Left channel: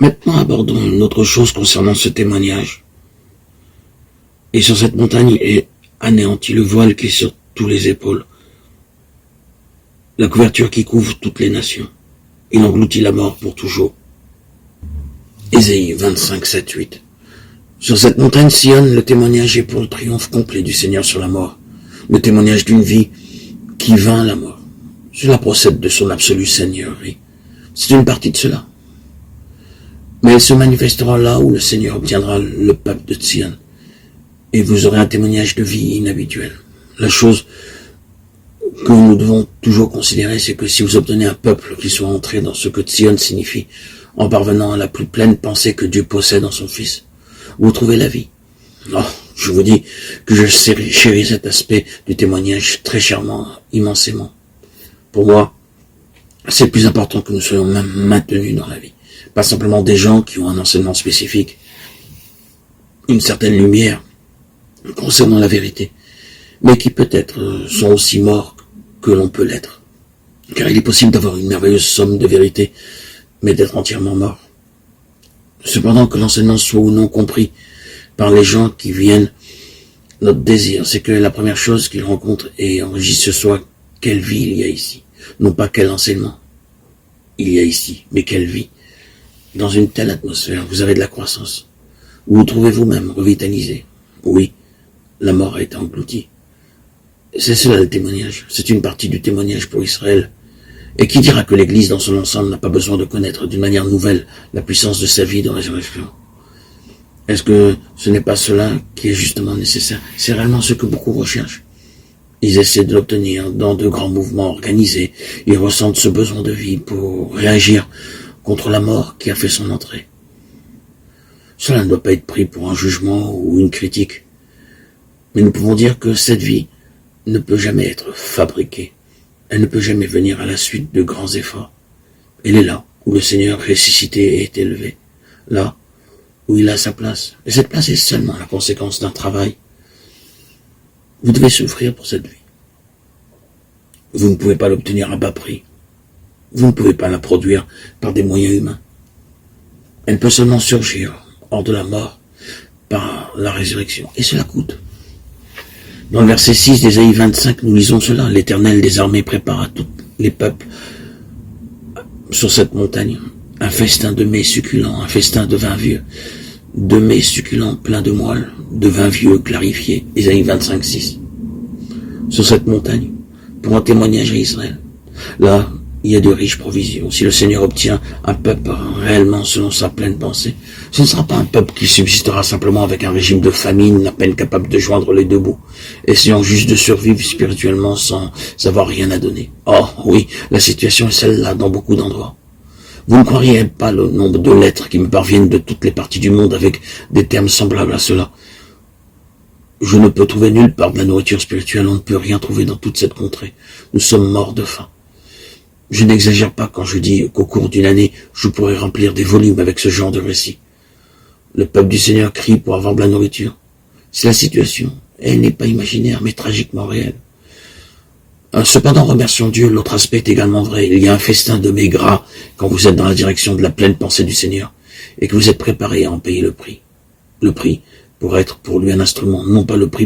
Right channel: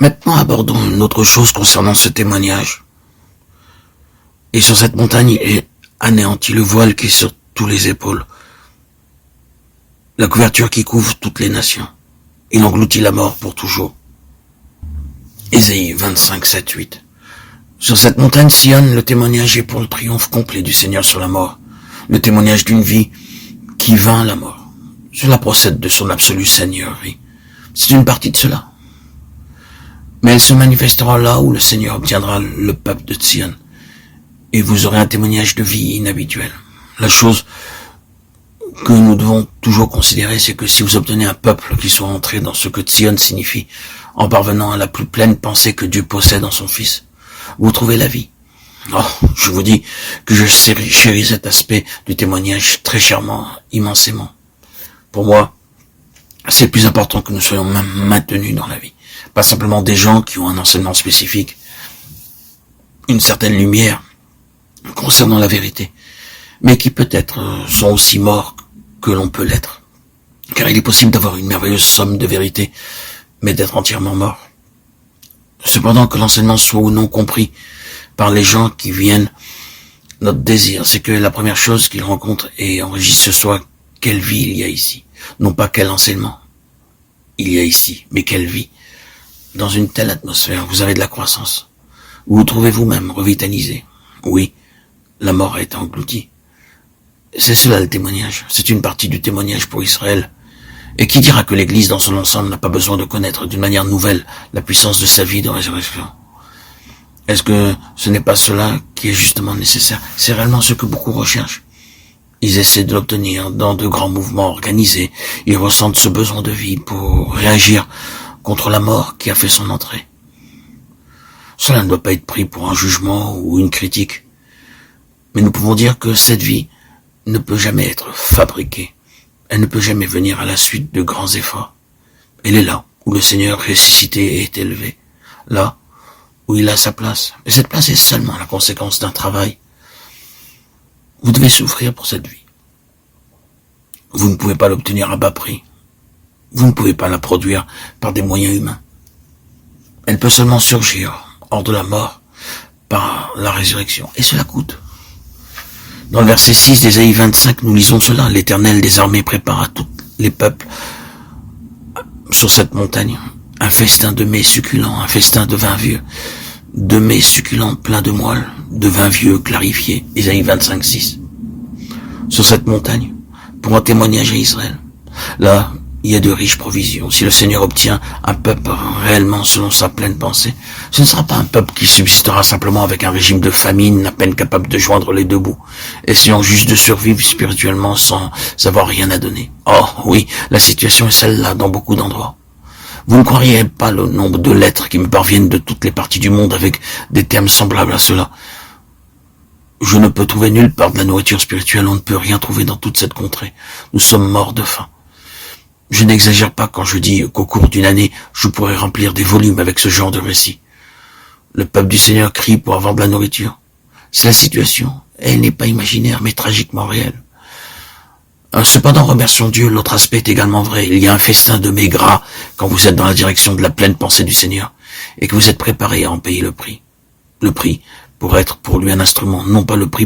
Maintenant, abordons une autre chose concernant ce témoignage. Et sur cette montagne est anéanti le voile qui est sur tous les épaules, la couverture qui couvre toutes les nations. Il engloutit la mort pour toujours. Ésaïe 25, 7, 8. Sur cette montagne Sion, le témoignage est pour le triomphe complet du Seigneur sur la mort, le témoignage d'une vie qui vainc la mort. Cela procède de son absolue seigneurie. C'est une partie de cela. Mais elle se manifestera là où le Seigneur obtiendra le peuple de Sion. Et vous aurez un témoignage de vie inhabituel. La chose que nous devons toujours considérer, c'est que si vous obtenez un peuple qui soit entré dans ce que Sion signifie, en parvenant à la plus pleine pensée que Dieu possède en son Fils, vous trouvez la vie. Oh, je vous dis que je chéris cet aspect du témoignage très chèrement, immensément. Pour moi, c'est le plus important que nous soyons même maintenus dans la vie. Pas simplement des gens qui ont un enseignement spécifique, une certaine lumière concernant la vérité, mais qui peut-être sont aussi morts que l'on peut l'être. Car il est possible d'avoir une merveilleuse somme de vérité, mais d'être entièrement mort. Cependant, que l'enseignement soit ou non compris par les gens qui viennent, notre désir, c'est que la première chose qu'ils rencontrent et enregistrent ce soit quelle vie il y a ici. Non pas quel enseignement il y a ici, mais quelle vie. Dans une telle atmosphère, vous avez de la croissance. Vous vous trouvez vous-même revitalisé. Oui, la mort a été engloutie. C'est cela le témoignage. C'est une partie du témoignage pour Israël. Et qui dira que l'Église dans son ensemble n'a pas besoin de connaître d'une manière nouvelle la puissance de sa vie de résurrection? Est-ce que ce n'est pas cela qui est justement nécessaire? C'est réellement ce que beaucoup recherchent. Ils essaient de l'obtenir dans de grands mouvements organisés. Ils ressentent ce besoin de vie pour réagir contre la mort qui a fait son entrée. Cela ne doit pas être pris pour un jugement ou une critique. Mais nous pouvons dire que cette vie ne peut jamais être fabriquée. Elle ne peut jamais venir à la suite de grands efforts. Elle est là où le Seigneur ressuscité est élevé. Là où il a sa place. Et cette place est seulement la conséquence d'un travail. Vous devez souffrir pour cette vie. Vous ne pouvez pas l'obtenir à bas prix. Vous ne pouvez pas la produire par des moyens humains. Elle peut seulement surgir hors de la mort par la résurrection. Et cela coûte. Dans le verset 6 d'Ésaïe 25, nous lisons cela. L'Éternel des armées prépare à tous les peuples sur cette montagne un festin de mets succulents, un festin de vin vieux, de mets succulents pleins de moelle, de vin vieux clarifié. Ésaïe 25, 6. Sur cette montagne, pour un témoignage à Israël. Là, il y a de riches provisions. Si le Seigneur obtient un peuple réellement selon sa pleine pensée, ce ne sera pas un peuple qui subsistera simplement avec un régime de famine, à peine capable de joindre les deux bouts, essayant juste de survivre spirituellement sans avoir rien à donner. Oh oui, la situation est celle-là dans beaucoup d'endroits. Vous ne croiriez pas le nombre de lettres qui me parviennent de toutes les parties du monde avec des termes semblables à cela. Je ne peux trouver nulle part de la nourriture spirituelle, on ne peut rien trouver dans toute cette contrée. Nous sommes morts de faim. Je n'exagère pas quand je dis qu'au cours d'une année, je pourrais remplir des volumes avec ce genre de récit. Le peuple du Seigneur crie pour avoir de la nourriture. C'est la situation. Elle n'est pas imaginaire, mais tragiquement réelle. Cependant, remercions Dieu, l'autre aspect est également vrai. Il y a un festin de mets gras quand vous êtes dans la direction de la pleine pensée du Seigneur et que vous êtes préparé à en payer le prix. Le prix pour être pour lui un instrument, non pas le prix